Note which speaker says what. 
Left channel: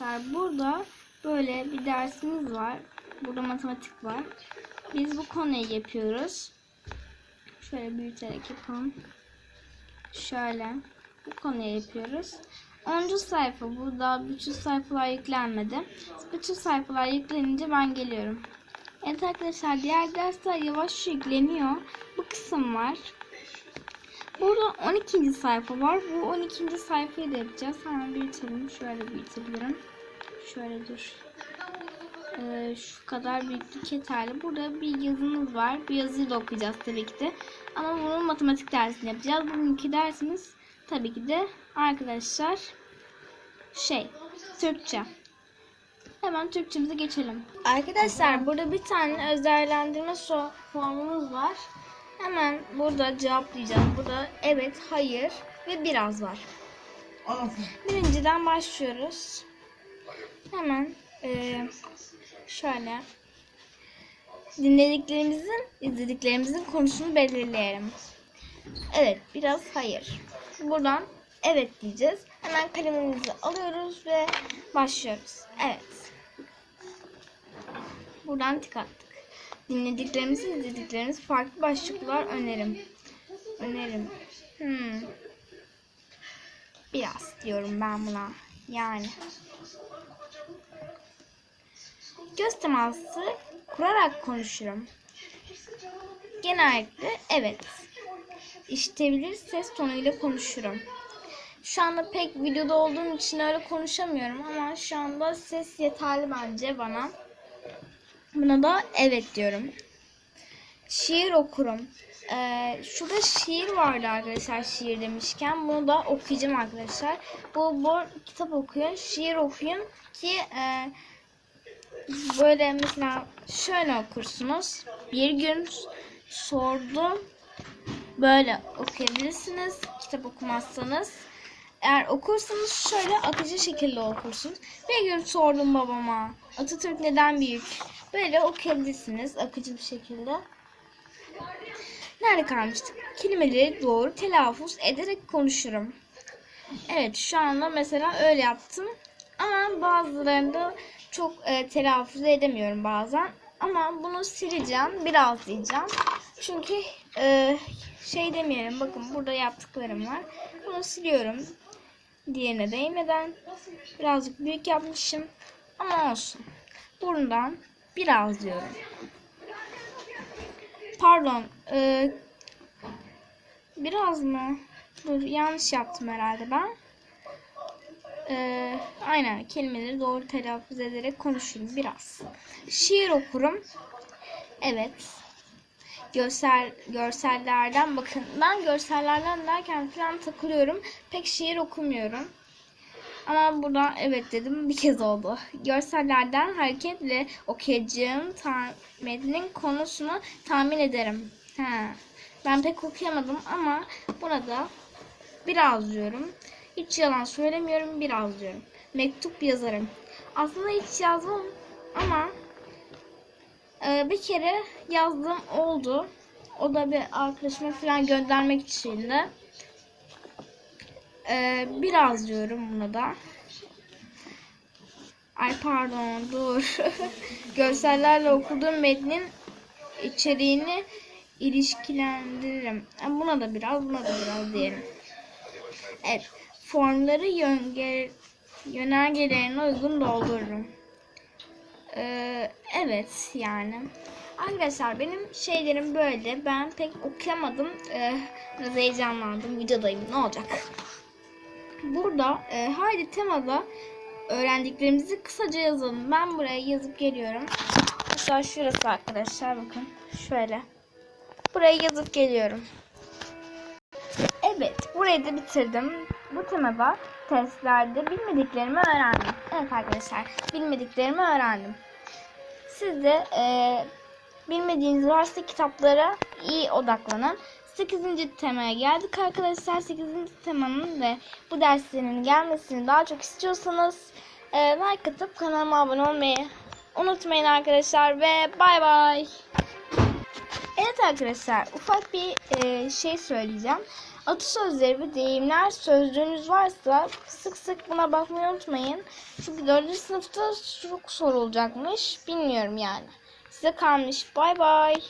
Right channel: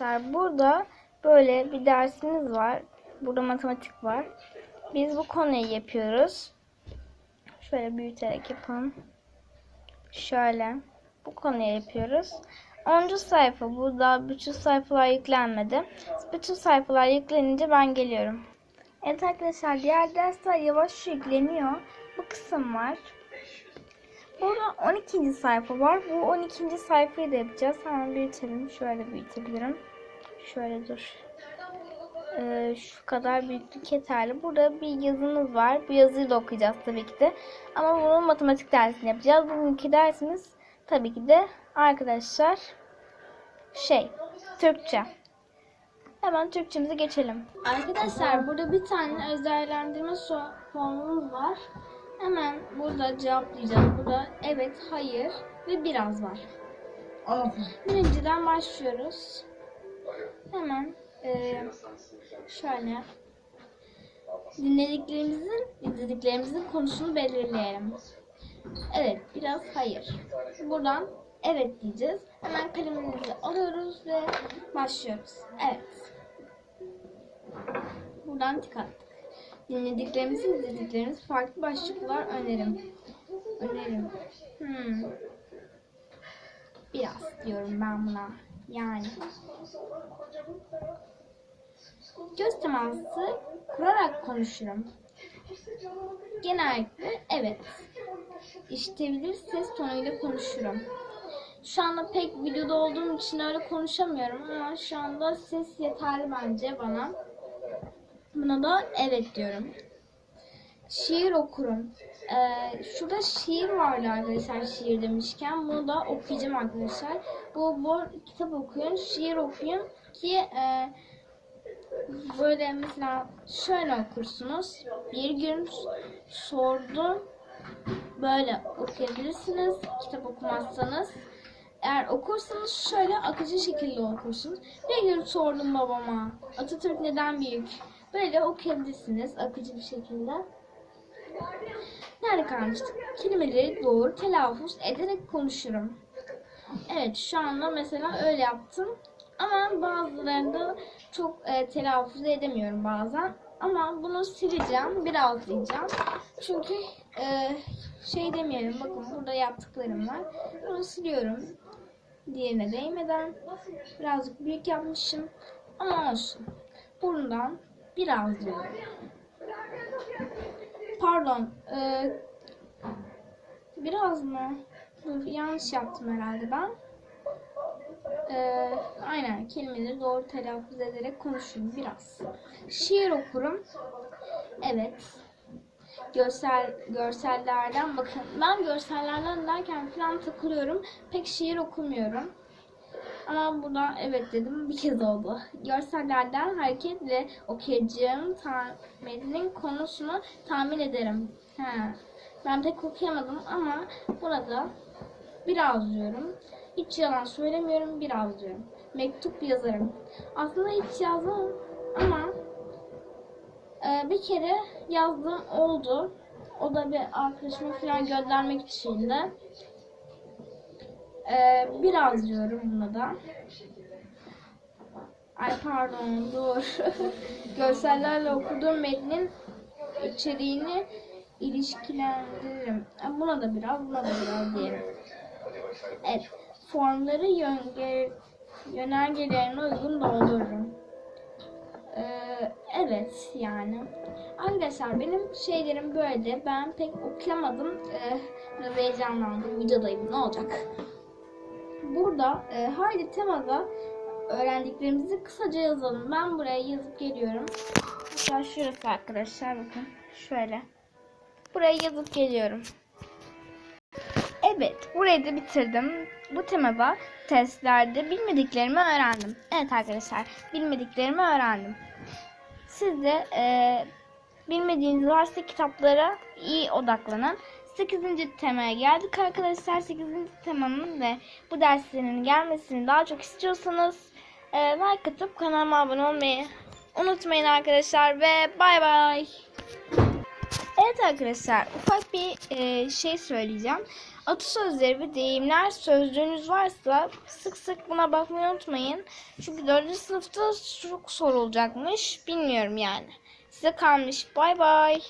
Speaker 1: Arkadaşlar burada böyle bir dersimiz var. Burada matematik var. Biz bu konuyu yapıyoruz. Şöyle büyüterek yapalım. Şöyle. Bu konuyu yapıyoruz. 10. sayfa. Burada bütün sayfalar yüklenmedi. Bütün sayfalar yüklenince ben geliyorum. Evet arkadaşlar diğer dersler yavaş yükleniyor. Bu kısım var. Burada 12. sayfa var. Bu 12. sayfayı da yapacağız. Hemen büyütelim. Şöyle büyütebilirim. Şöyle dur. Ee, şu kadar büyüklük yeterli. Burada bir yazımız var. Bu yazıyı da okuyacağız tabii ki de. Ama bunun matematik dersini yapacağız. Bugünkü dersimiz tabii ki de arkadaşlar şey Türkçe. Hemen Türkçemize geçelim. Arkadaşlar burada bir tane özellendirme formumuz var. Hemen burada cevaplayacağız. Burada evet, hayır ve biraz var.
Speaker 2: Aferin.
Speaker 1: Birinciden başlıyoruz. Hemen eee, şöyle dinlediklerimizin, izlediklerimizin konusunu belirleyelim. Evet, biraz hayır. Buradan evet diyeceğiz. Hemen kalemimizi alıyoruz ve başlıyoruz. Evet. Buradan tik attık. Dinlediklerimiz, izlediklerimiz farklı başlıklar önerim. Önerim. Hmm. Biraz diyorum ben buna. Yani. Göz teması kurarak konuşurum. Genellikle evet. İşitebilir ses tonuyla konuşurum. Şu anda pek videoda olduğum için öyle konuşamıyorum ama şu anda ses yeterli bence bana. Buna da evet diyorum. Şiir okurum. Ee, şurada şiir vardı arkadaşlar şiir demişken. Bunu da okuyacağım arkadaşlar. Bu, bu kitap okuyun, şiir okuyun ki e, böyle mesela şöyle okursunuz. Bir gün sordum. Böyle okuyabilirsiniz. Kitap okumazsanız. Eğer okursanız şöyle akıcı şekilde okursunuz. Bir gün sordum babama. Atatürk neden büyük? Böyle okuyabilirsiniz akıcı bir şekilde. Nerede kalmıştık? Kelimeleri doğru telaffuz ederek konuşurum. Evet şu anda mesela öyle yaptım. Ama bazılarında çok e, telaffuz edemiyorum bazen. Ama bunu sileceğim. Biraz diyeceğim. Çünkü e, şey demeyelim. Bakın burada yaptıklarım var. Bunu siliyorum. Diğerine değmeden. Birazcık büyük yapmışım. Ama olsun. Buradan biraz diyorum. Pardon. e, biraz mı? Dur yanlış yaptım herhalde ben. E, aynen kelimeleri doğru telaffuz ederek konuşurum biraz. Şiir okurum. Evet. Görsel, görsellerden bakın. Ben görsellerden derken falan takılıyorum. Pek şiir okumuyorum. Ama buradan evet dedim bir kez oldu. Görsellerden hareketle okuyacağım metnin konusunu tahmin ederim. Ha. Ben pek okuyamadım ama burada biraz diyorum. Hiç yalan söylemiyorum biraz diyorum. Mektup yazarım. Aslında hiç yazmam ama e, bir kere yazdığım oldu. O da bir arkadaşıma falan göndermek için de. Ee, biraz diyorum buna da. Ay pardon dur. Görsellerle okuduğum metnin içeriğini ilişkilendiririm. E, Buna da biraz, buna da biraz diyelim. Evet. Formları yönge, yönergelerine uygun doldururum. Ee, evet yani. Arkadaşlar benim şeylerim böyle. Ben pek okuyamadım. Ee, biraz heyecanlandım. Videodayım. Ne olacak? Burada e, haydi temada öğrendiklerimizi kısaca yazalım. Ben buraya yazıp geliyorum. Mesela şurası arkadaşlar bakın. Şöyle. Buraya yazıp geliyorum. Evet, burayı da bitirdim. Bu temada testlerde bilmediklerimi öğrendim. Evet arkadaşlar, bilmediklerimi öğrendim. Siz de e, bilmediğiniz varsa kitaplara iyi odaklanın. 8. temaya geldik arkadaşlar. 8. temanın ve bu derslerin gelmesini daha çok istiyorsanız e, like atıp kanalıma abone olmayı unutmayın arkadaşlar ve bay bay. Evet arkadaşlar ufak bir e, şey söyleyeceğim. Atasözleri ve deyimler sözlüğünüz varsa sık sık buna bakmayı unutmayın. Çünkü 4. sınıfta çok sorulacakmış. Bilmiyorum yani. Size kalmış. Bay bay.